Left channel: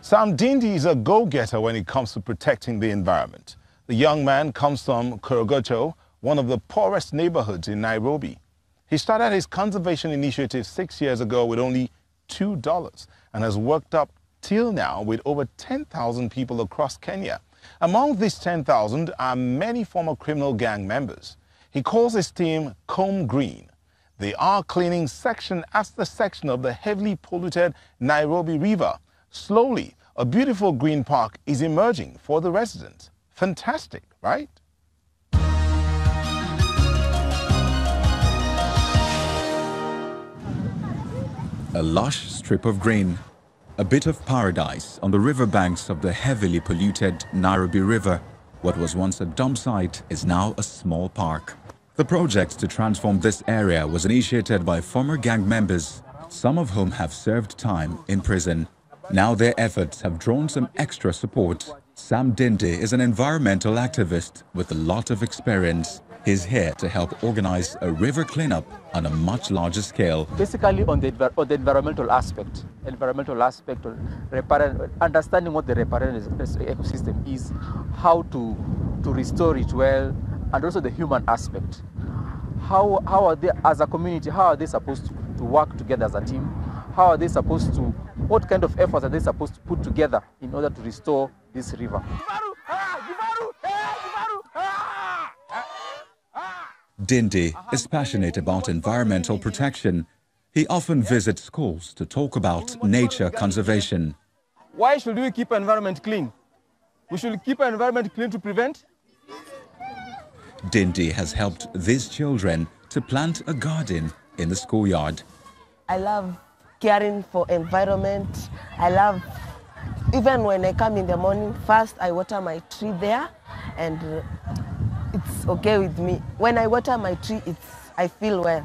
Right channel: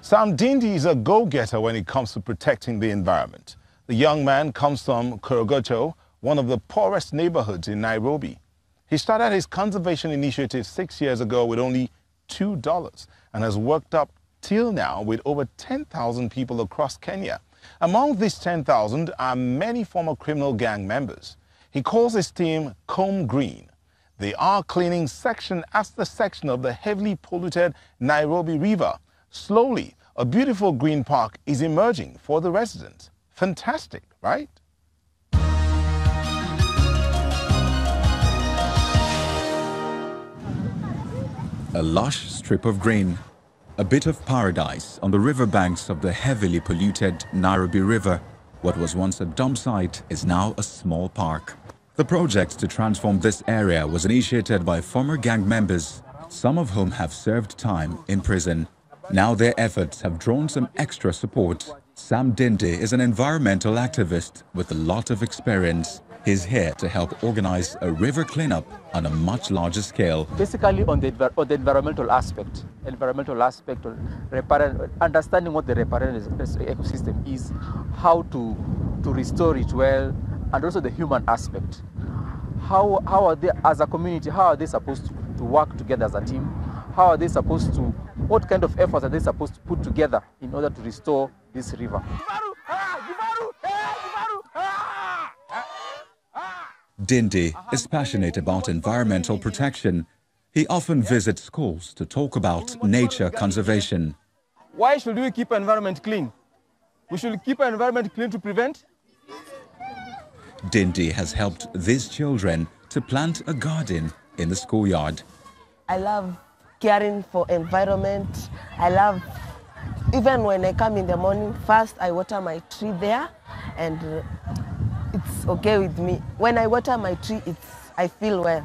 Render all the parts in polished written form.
Sam Dindi is a go-getter when it comes to protecting the environment. The young man comes from Korogocho, one of the poorest neighborhoods in Nairobi. He started his conservation initiative 6 years ago with only $2 and has worked up till now with over 10,000 people across Kenya. Among these 10,000 are many former criminal gang members. He calls his team Comb Green. They are cleaning section after section of the heavily polluted Nairobi River. Slowly, a beautiful green park is emerging for the residents. Fantastic, right? A lush strip of green, a bit of paradise on the riverbanks of the heavily polluted Nairobi River. What was once a dump site is now a small park. The project to transform this area was initiated by former gang members, some of whom have served time in prison. Now their efforts have drawn some extra support. Sam Dindi is an environmental activist with a lot of experience. He's here to help organize a river cleanup on a much larger scale. Basically on the environmental aspect of understanding what the riparian ecosystem is, how to restore it well, and also the human aspect. How are they, as a community, how are they supposed to work together as a team? How are they supposed to, what kind of efforts are they supposed to put together in order to restore this river? Dindi is passionate about environmental protection. He often visits schools to talk about nature conservation. Why should we keep our environment clean? We should keep our environment clean to prevent. Dindi has helped these children to plant a garden in the schoolyard. I love caring for environment. I love, even when I come in the morning, first I water my tree there, and it's okay with me. When I water my tree, I feel well.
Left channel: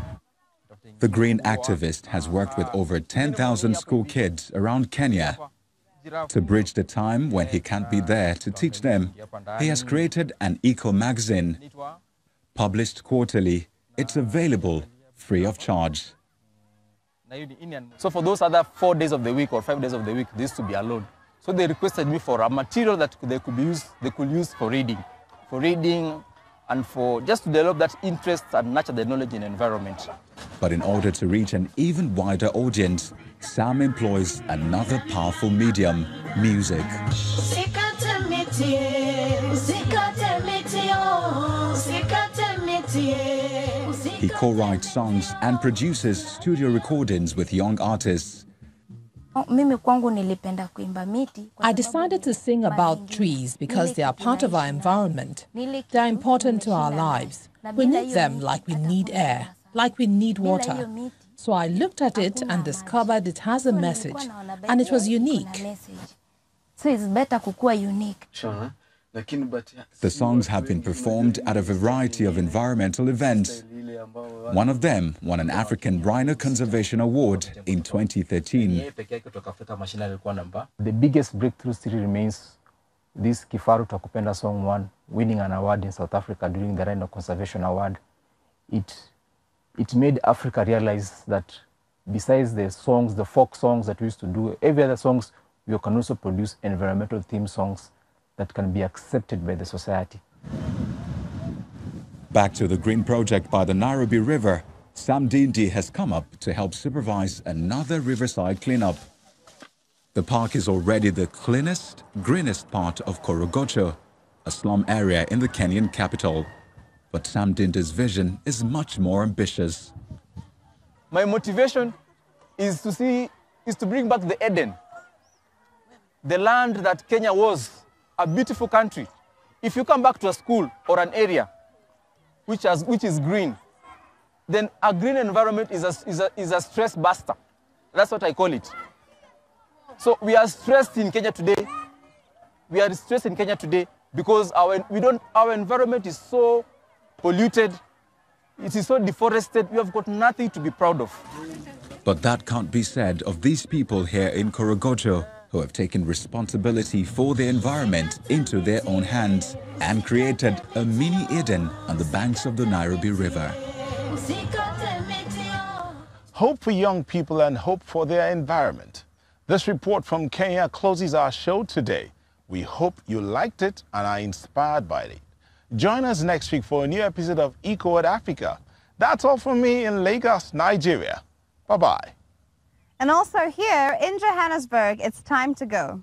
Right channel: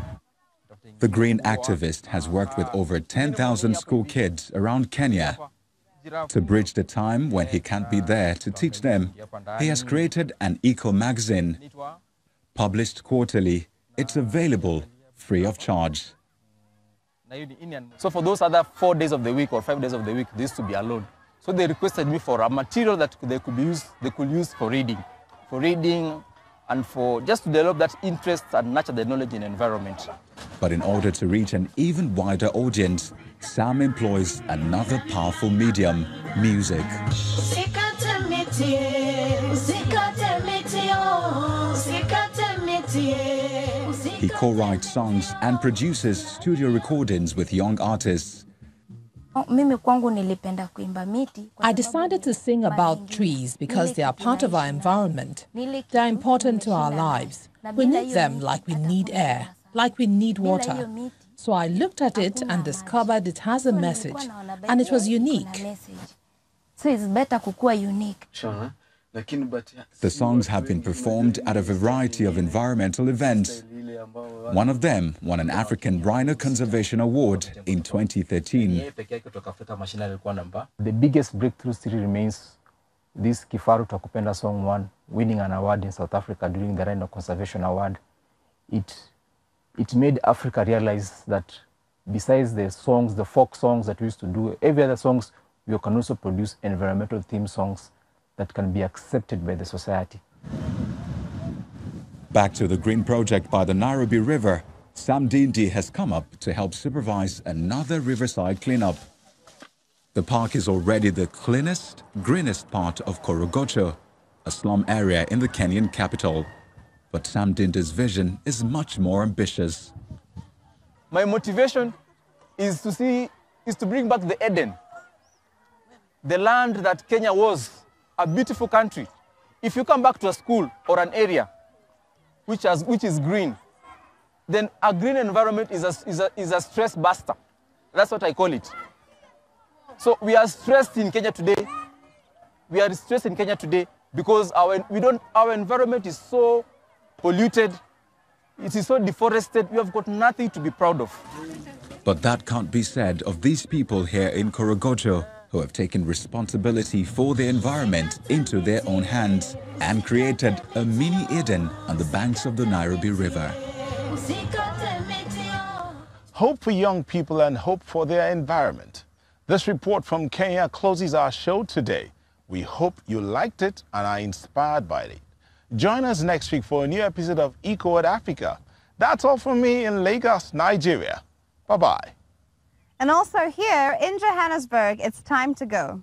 The green activist has worked with over 10,000 school kids around Kenya. To bridge the time when he can't be there to teach them, he has created an eco-magazine. Published quarterly, it's available free of charge. So for those other 4 days of the week or 5 days of the week, they used to be alone. So they requested me for a material that they could use for reading and for just to develop that interest and nurture the knowledge in environment. But in order to reach an even wider audience, Sam employs another powerful medium, music. He co-writes songs and produces studio recordings with young artists. I decided to sing about trees because they are part of our environment. They are important to our lives. We need them like we need air, like we need water. So I looked at it and discovered it has a message, and it was unique. So it's better kukua unique. Sure. The songs have been performed at a variety of environmental events. One of them won an African Rhino Conservation Award in 2013. The biggest breakthrough still remains this Kifaru Takupenda song won, winning an award in South Africa during the Rhino Conservation Award. It made Africa realize that besides the songs, the folk songs that we used to do, every other songs, we can also produce environmental theme songs that can be accepted by the society. Back to the green project by the Nairobi River, Sam Dindi has come up to help supervise another riverside cleanup. The park is already the cleanest, greenest part of Korogocho, a slum area in the Kenyan capital. But Sam Dindi's vision is much more ambitious. My motivation is to bring back the Eden, the land that Kenya was, a beautiful country. If you come back to a school or an area which is green, then a green environment is a stress buster. That's what I call it. So we are stressed in Kenya today. We are stressed in Kenya today because our environment is so polluted. It is so deforested. We have got nothing to be proud of. But that can't be said of these people here in Korogocho, who have taken responsibility for the environment into their own hands and created a mini Eden on the banks of the Nairobi River. Hope for young people and hope for their environment. This report from Kenya closes our show today. We hope you liked it and are inspired by it. Join us next week for a new episode of Eco at Africa. That's all from me in Lagos, Nigeria. Bye-bye. And also here in Johannesburg, it's time to go.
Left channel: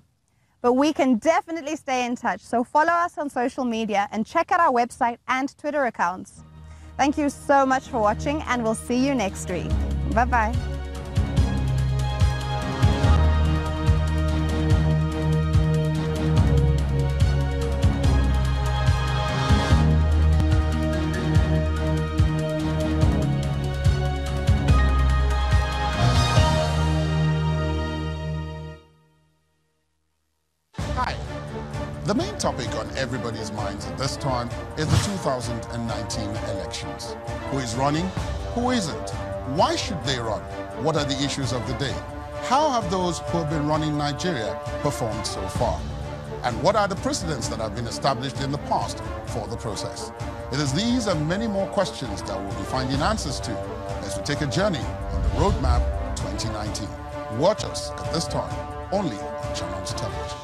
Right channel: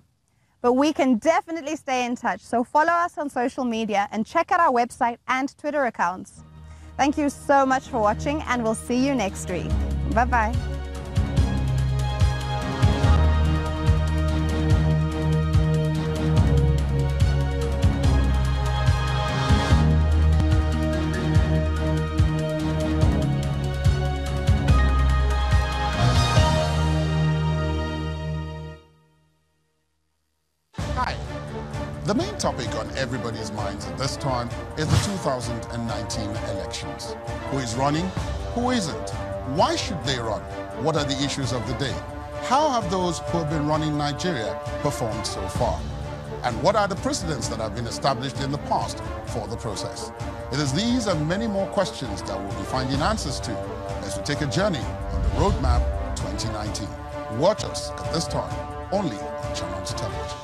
But we can definitely stay in touch, so follow us on social media and check out our website and Twitter accounts. Thank you so much for watching, and we'll see you next week. Bye-bye. The main topic on everybody's minds at this time is the 2019 elections. Who is running? Who isn't? Why should they run? What are the issues of the day? How have those who have been running Nigeria performed so far? And what are the precedents that have been established in the past for the process? It is these and many more questions that we'll be finding answers to as we take a journey on the Roadmap 2019. Watch us at this time only on Channel Television.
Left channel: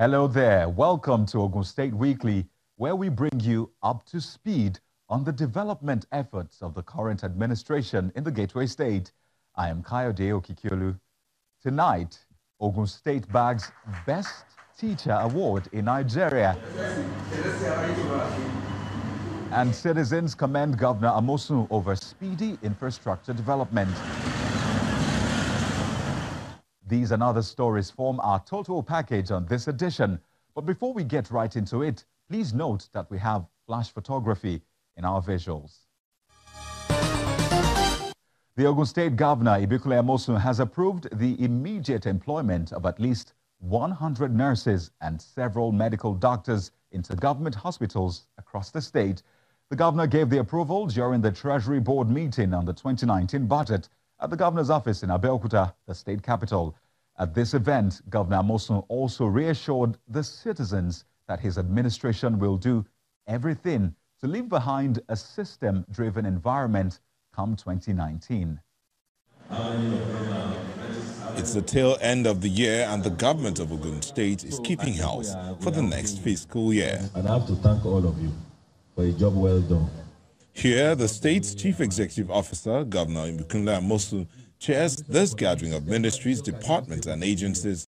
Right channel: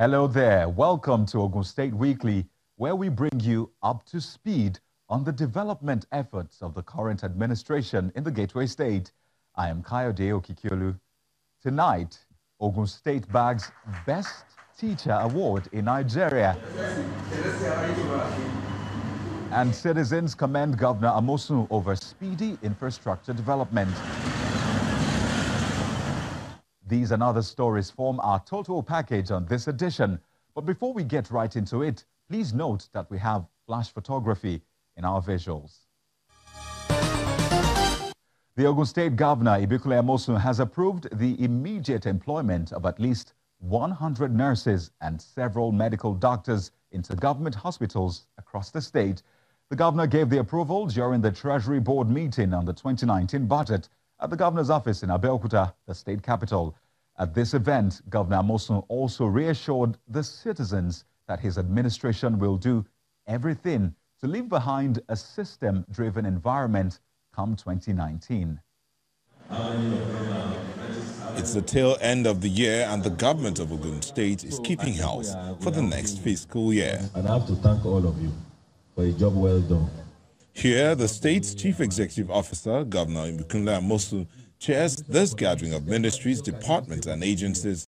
Hello there. Welcome to Ogun State Weekly, where we bring you up to speed on the development efforts of the current administration in the Gateway State. I am Kayode Okikiolu. Tonight, Ogun State bags Best Teacher Award in Nigeria. And citizens commend Governor Amosun over speedy infrastructure development. These and other stories form our total package on this edition. But before we get right into it, please note that we have flash photography in our visuals. The Ogun State Governor, Ibikule Amosun, has approved the immediate employment of at least 100 nurses and several medical doctors into government hospitals across the state. The governor gave the approval during the Treasury Board meeting on the 2019 budget at the governor's office in Abeokuta, the state capital. At this event, Governor Amosun also reassured the citizens that his administration will do everything to leave behind a system-driven environment come 2019. It's the tail end of the year and the government of Ogun State is keeping house for the next fiscal year. And I have to thank all of you for a job well done. Here, the state's Chief Executive Officer, Governor Ibikule Amosun, chairs this gathering of ministries, departments and agencies